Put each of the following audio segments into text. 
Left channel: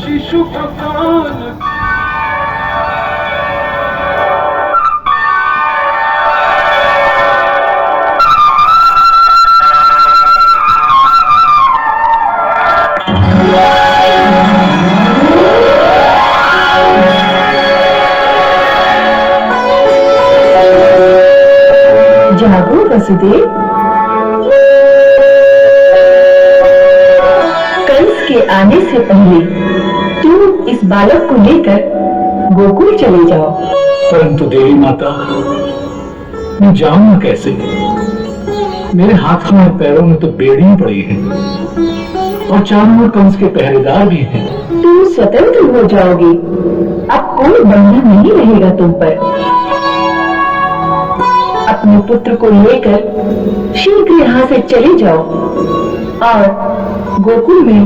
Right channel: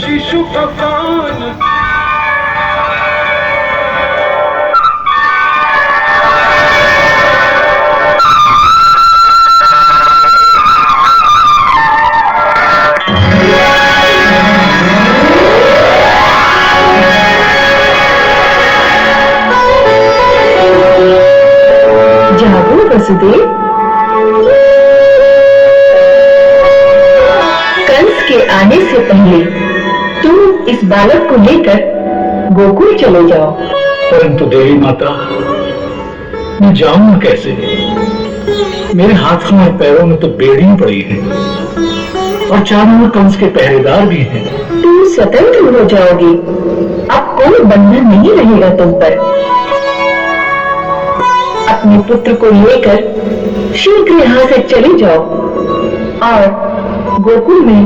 शिशु पकान। जागो वसुदेव, कंस के आने से पहले तुम इस बालक को लेकर गोकुल चले जाओ। परंतु देवी माता, मैं जाऊंगा कैसे? मेरे हाथों और पैरों में तो बेड़ियां पड़ी हैं और चारों ओर कंस के पहरेदार भी हैं। तुम स्वतंत्र हो जाओगे, अब कोई बंधन नहीं रहेगा तुम पर। अपने पुत्र को लेकर शीघ्र यहाँ से चले जाओ और गोकुल में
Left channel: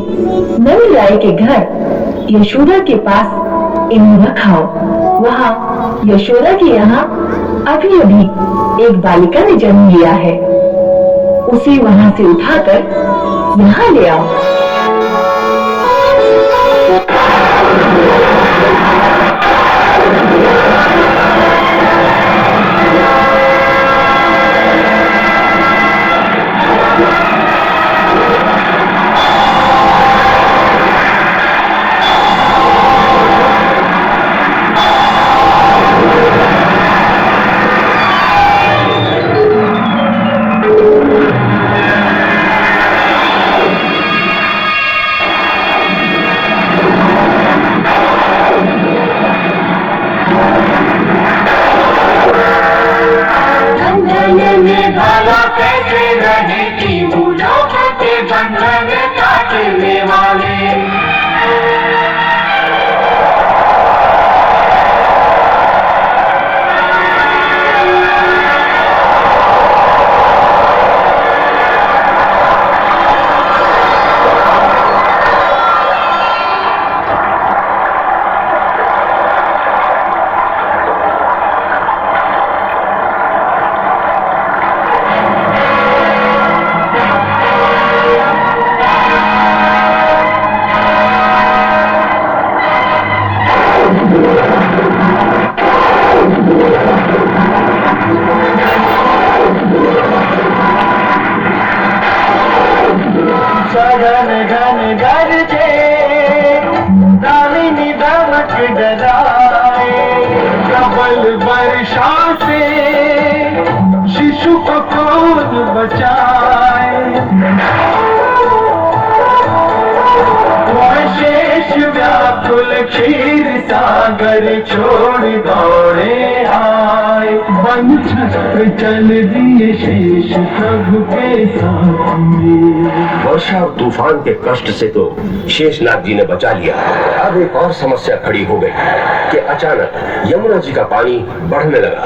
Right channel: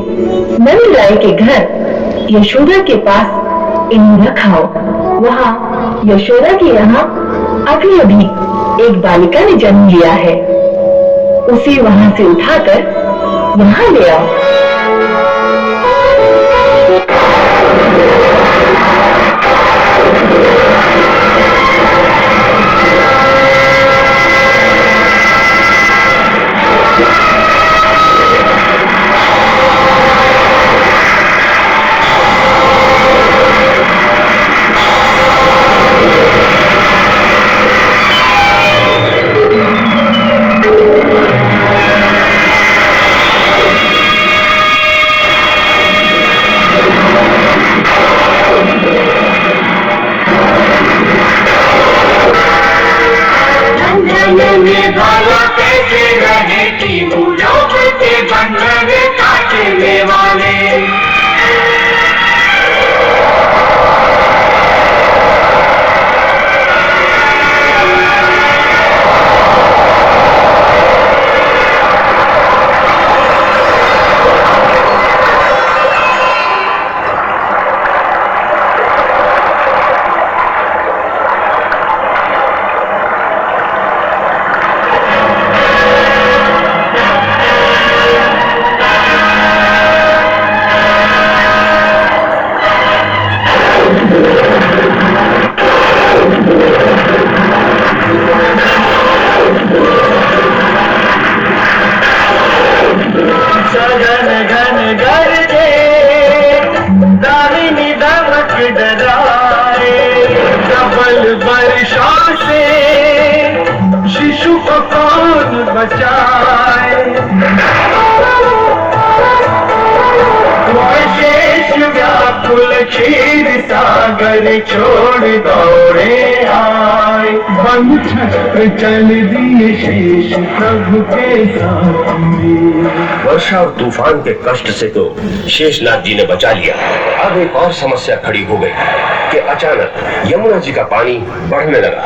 नंद राय के घर यशोदा के पास इन्हें रखाओ। वहाँ यशोदा के यहाँ अभी अभी एक बालिका ने जन्म लिया है, उसे वहाँ से उठाकर यहाँ ले आओ। शिशु को कौन बचाए? शेष व्याकुल क्षीर सागर छोड़ दौड़े आए। बन छत्र चल दिए शेष प्रभु के साथ। वर्षा और तूफान के कष्ट से तो शेषनाग जी ने बचा लिया। अब एक और समस्या खड़ी हो गई कि अचानक यमुना जी का पानी बढ़ने लगा।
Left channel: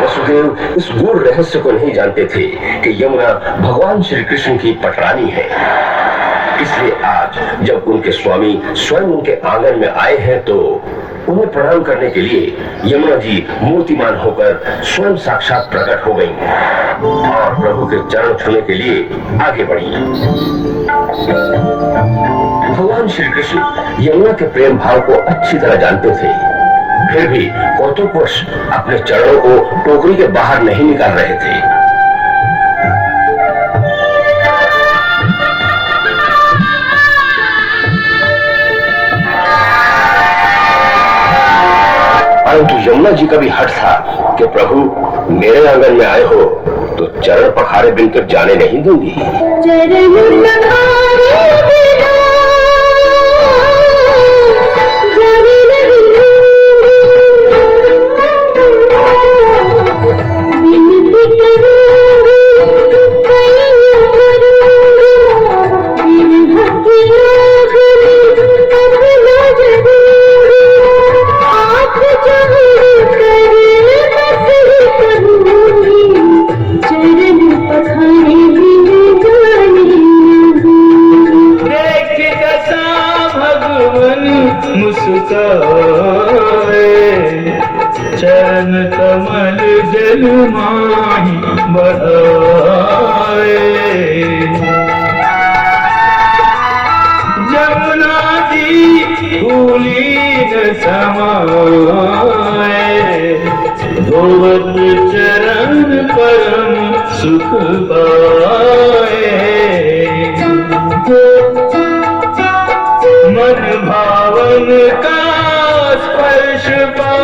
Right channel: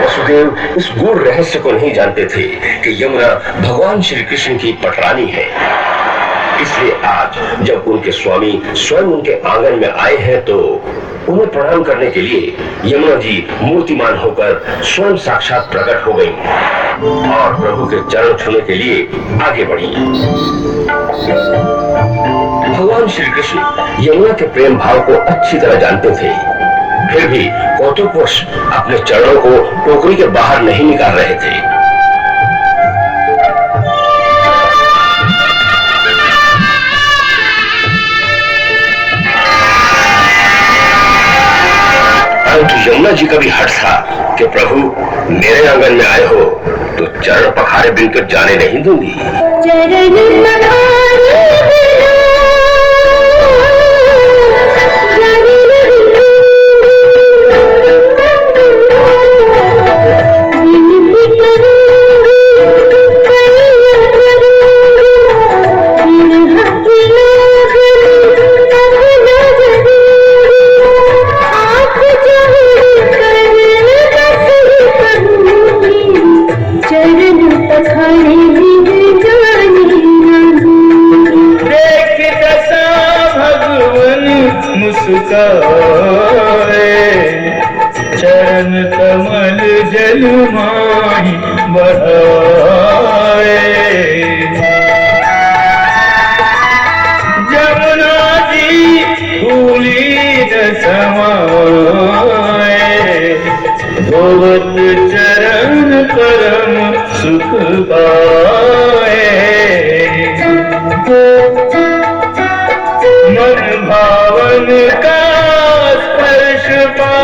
वसुदेव इस गूढ़ रहस्य को नहीं जानते थे कि यमुना भगवान श्री कृष्ण की पटरानी है। इसलिए आज जब उनके स्वामी स्वयं उनके आंगन में आए हैं तो उन्हें प्रणाम करने के लिए यमुना जी मूर्तिमान होकर स्वयं साक्षात प्रकट हो गई और प्रभु के चरण छूने के लिए आगे बढ़ी। भगवान श्री कृष्ण यमुना के प्रेम भाव को अच्छी तरह जानते थे, फिर भी कौतुकवश अपने चरणों को टोकरी के बाहर नहीं निकाल रहे थे। परंतु यमुना जी का भी हट था कि प्रभु मेरे आंगन में आए हो तो चरण पखारे बिन तो जाने नहीं दूंगी। चरण कमल जल माही बढ़ाए। जमुना धोवत चरण परम सुख पाए। मन भावन का स्पर्श पा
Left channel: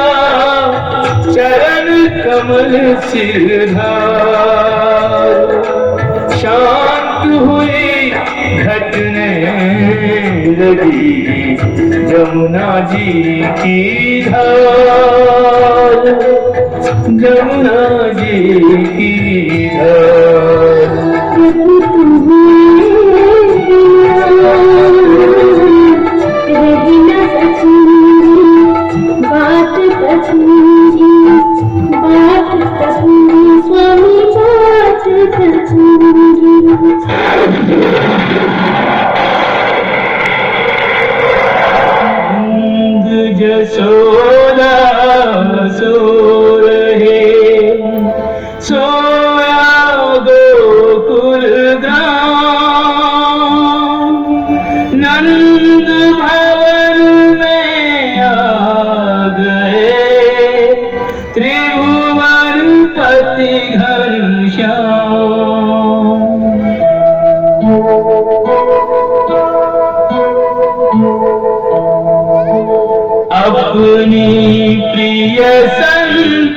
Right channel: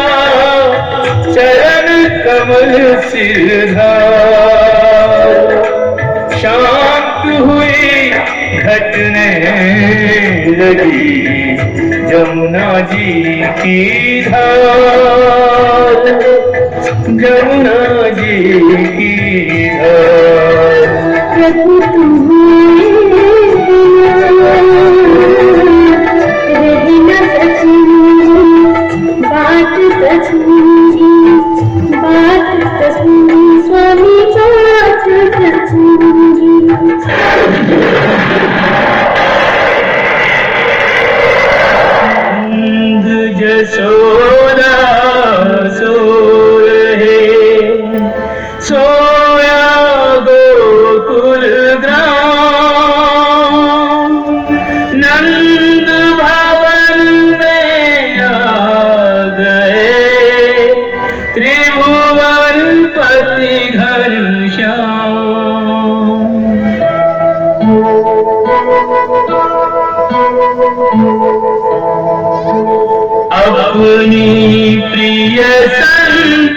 चरण कमल सिरधार। शांत हुई घटने लगी जमुना जी की धार, जमुना जी की धार। प्रभु तुम्हें रही न सकूंगी, बात करूंगी, बात करूंगी स्वामी, बात करूंगी। जसोदा सो रहे, सोया गोकुल ग्राम। नंद भवन में आ गए त्रिभुवन पति घनश्याम। अपनी प्रिय संतान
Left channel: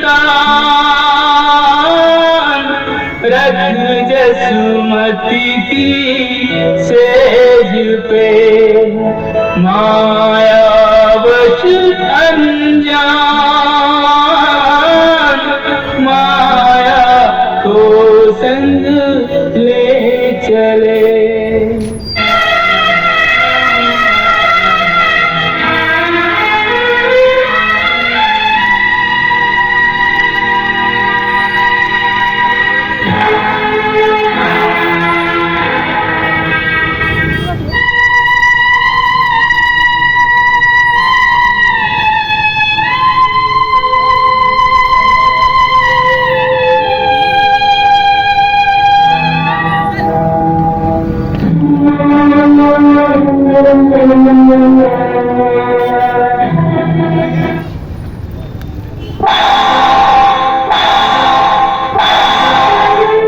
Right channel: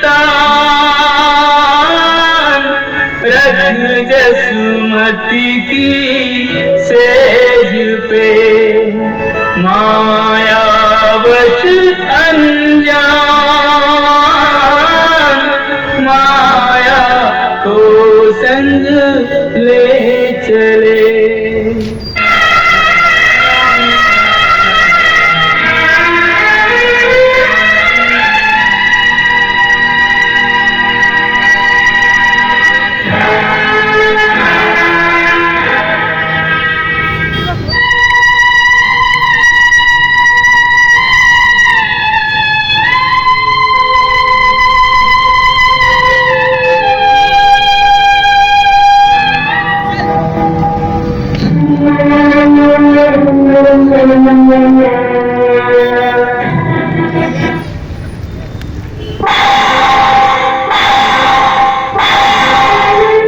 रख जसुमती की सेज पे, मायावश अनजान माया को संग ले चले।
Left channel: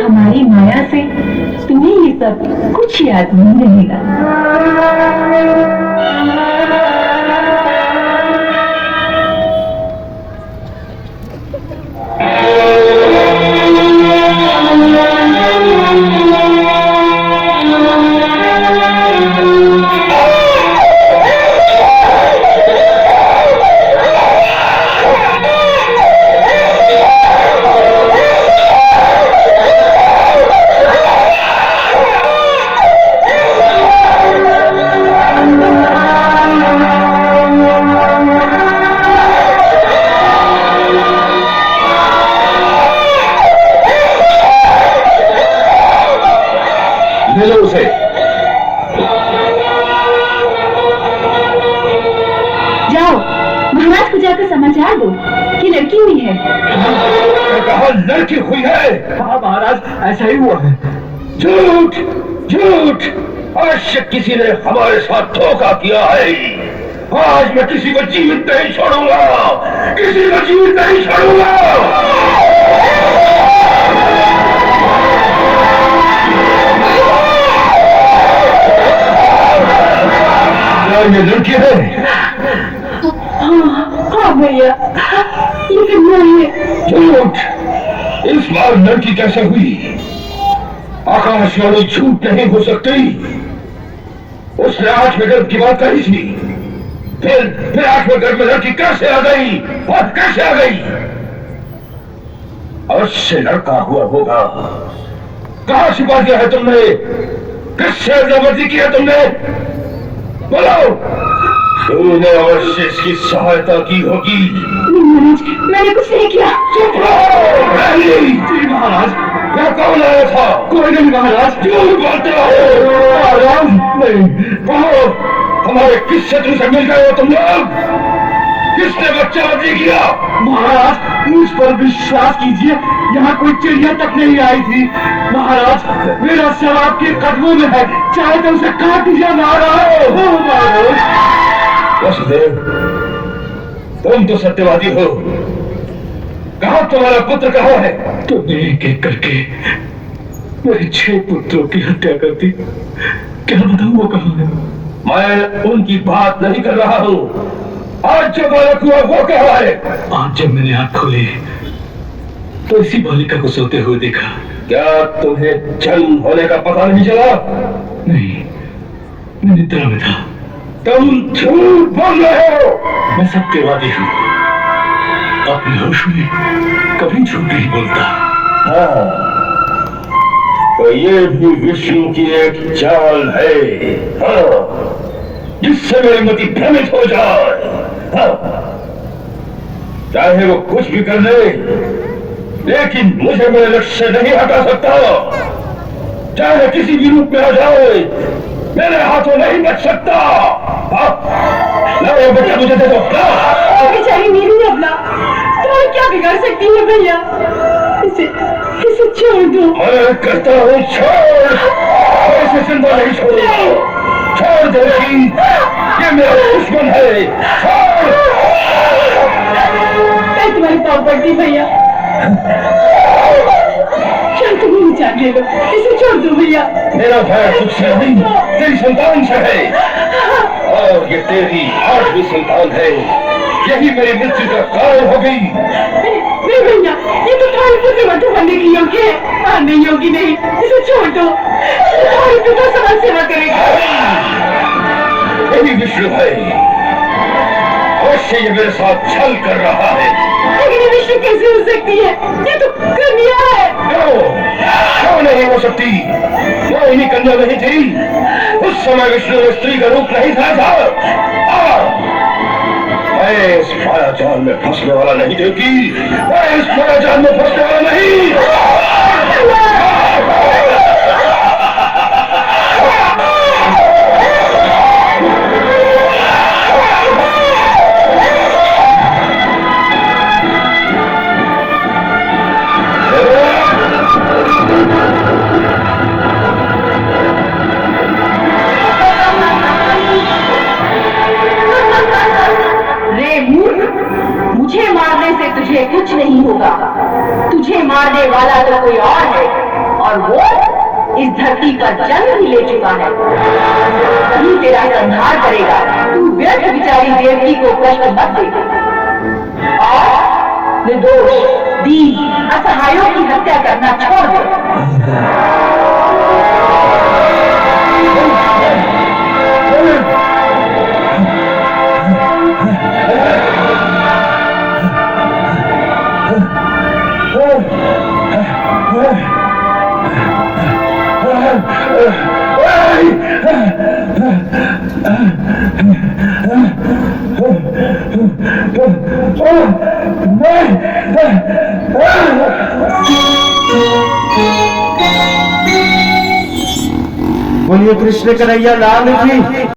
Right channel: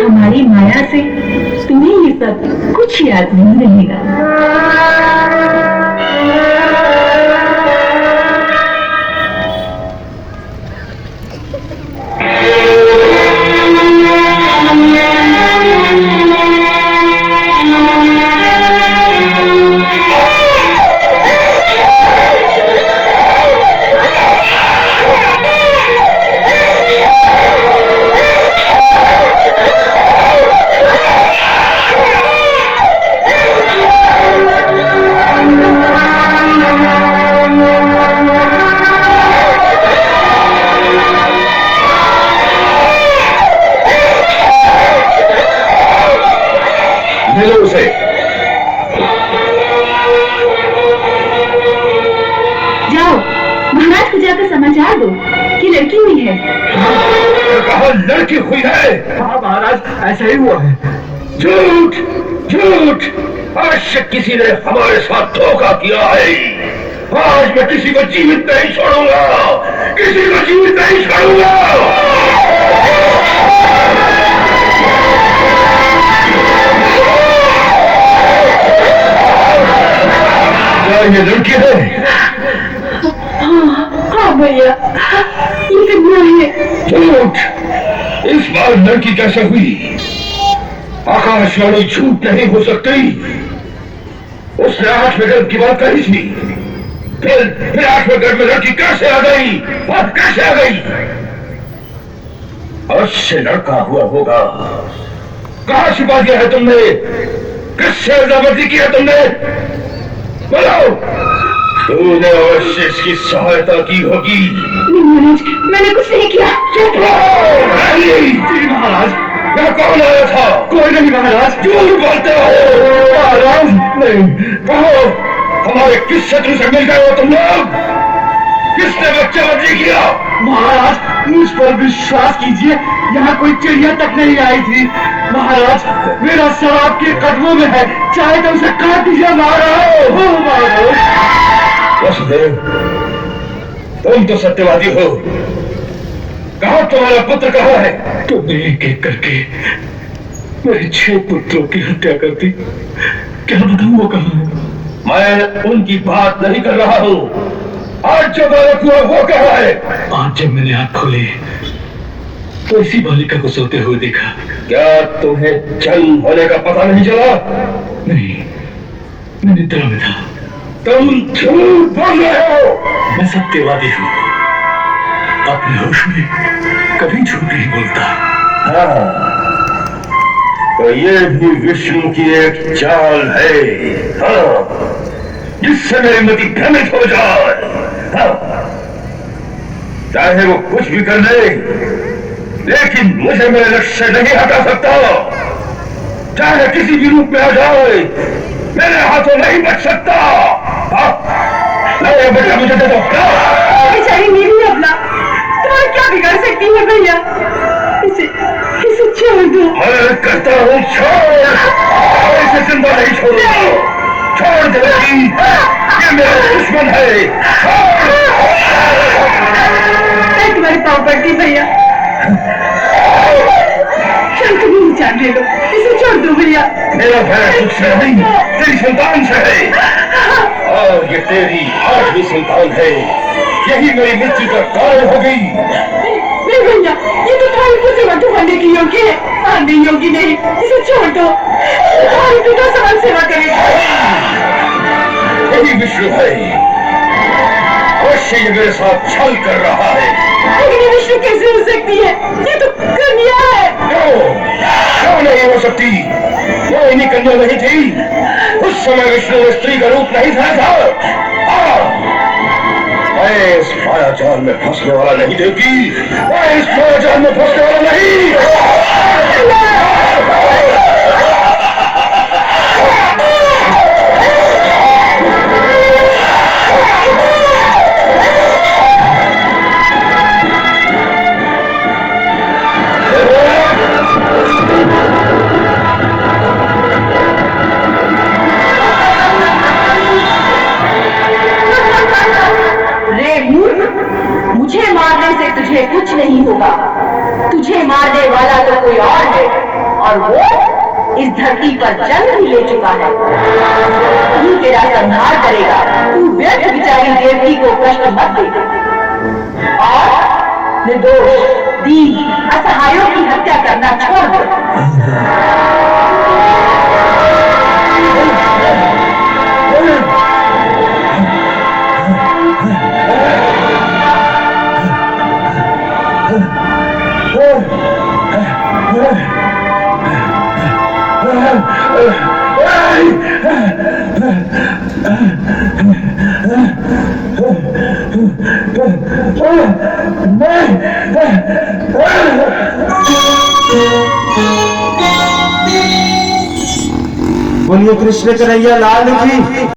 हमारी माया से तुम्हें ये सब कुछ याद नहीं रहेगा। मिलो उसे। जाओ महाराज को जाकर समाचार दो कि लड़की हुई है। कहा लड़की हुई है? हाँ महाराज, ऐसा ही हुआ है। झूठ झूठ, अवश्य किसी ने हमारे साथ धोखा किया है। आज मैं किसी को जीवित नहीं छोड़ूंगा, किसी को जीवित नहीं छोड़ूंगा। ये लड़की है? हाँ भैया, ये वो है। झूठ, इस बार लड़की कैसे हुई? आकाशवाणी झूठ नहीं हो सकती। उसने 8 मीटर की बात कही थी, फिर 8 मीटर में लड़की कैसे आ गई और कैसे आ गई? अवश्य लड़का हुआ होगा। कहाँ छिपा दिया है तुमने? किससे जबरदस्ती की है तुमने? बोलो, तूने अवश्य इसकी सहायता की होगी। नहीं महाराज, मैंने कुछ नहीं किया। चुप रहो। महाराज, वह कौन आया था? कोई नहीं महाराज। झूठ बोलते हो महाराज। नहीं, कहो हमारे किससे तुमसे मिल गए हो तुम लोग? किसने बच्चा बच्ची किया? महाराज, मुझ पर विश्वास कीजिए, यहाँ कोई चिड़िया तक नहीं आई थी। महाराज, मेरा सर आपके कदमों में है, चाहे तो उसे काट दीजिए महाराज। वसुदेव, तुम तो सत्यवादी हो। कहा तुम्हारा पुत्र कहाँ है? तुमने एक एक करके मेरे 6 पुत्रों की हत्या कर दी। क्या बताऊं वो कहाँ है? मैं उनकी बात नहीं कर रहा हूँ। आज जो बालक हुआ वो कहाँ है? आज जब मैंने आंख खोली तो इसी बालिका को सोते हुए देखा। क्या तुम्हें जन्म होने का पता नहीं चला? नहीं, मैं निद्रा में था। तुम झूठ बोल रहे हो। मैं सत्यवादी हूँ, अपने होश में कभी झूठ नहीं बोलता। हाँ, तो ये भी विष्णु की एक चाल है। हाँ, जिससे मेरी मति भ्रमित हो जाए। हाँ, चाहे वो कुछ भी कर ले, लेकिन मुझे मेरे लक्ष्य से नहीं हटा सकता। चाहे किसी भी रूप में आ जाए, मेरे हाथों नहीं बच सकता। हाँ, लाओ बेटा, मुझे दे दो। बेचारी मेरी अबला, तुम्हारे क्या बिगाड़ सकती है भैया? इसे छोड़ दो। मैं कहता हूँ छोड़, इसे जिंदा नहीं छोड़ूंगा। छोड़ दो जी, ये मेरा दुश्मन है। मैं तुम्हारे पाँव पड़ती भैया, चल तुम ही जान ले लो। इसे छोड़ दो भैया। मेरा भय तुझसे नहीं, तेरी संतान से है। और ये तेरी 8वीं संतान है। यही मेरी मृत्यु का कारण हो गई। नहीं भैया, ये तो तुम्हारे पुत्र मत होने की योग्य है, मारने योग्य नहीं। इसे छोड़ दो, तुम्हारे पिता समाज सेवा करेगा। वही विष्णु है, अवश्य ये मेरे साथ छल कर रहा है। लेकिन ये विष्णु कैसे हो सकती है? ये तो कन्या है। क्यों नहीं हो सकती? वो इन्हीं कन्या नहीं थी। उस समय विष्णु में स्त्री का रूप नहीं था। मैं इस मायाजाल में फंसने वाला नहीं देगी। मैं इस मायाजाल में फंसने वाला नहीं। मुझे मारने से तुझे कुछ नहीं होगा। तुझे मारने वाला तो कोई और है, और वो इस धरती पर जन्म ही ले चुका है। तू तेरा संहार करेगा। तू व्यर्थ विचारी देवकी को कष्ट मत दे और निर्दोष दीन असहायों की हत्या करना छोड़ दे। बोलिए कृष्ण कन्हैया लाल की।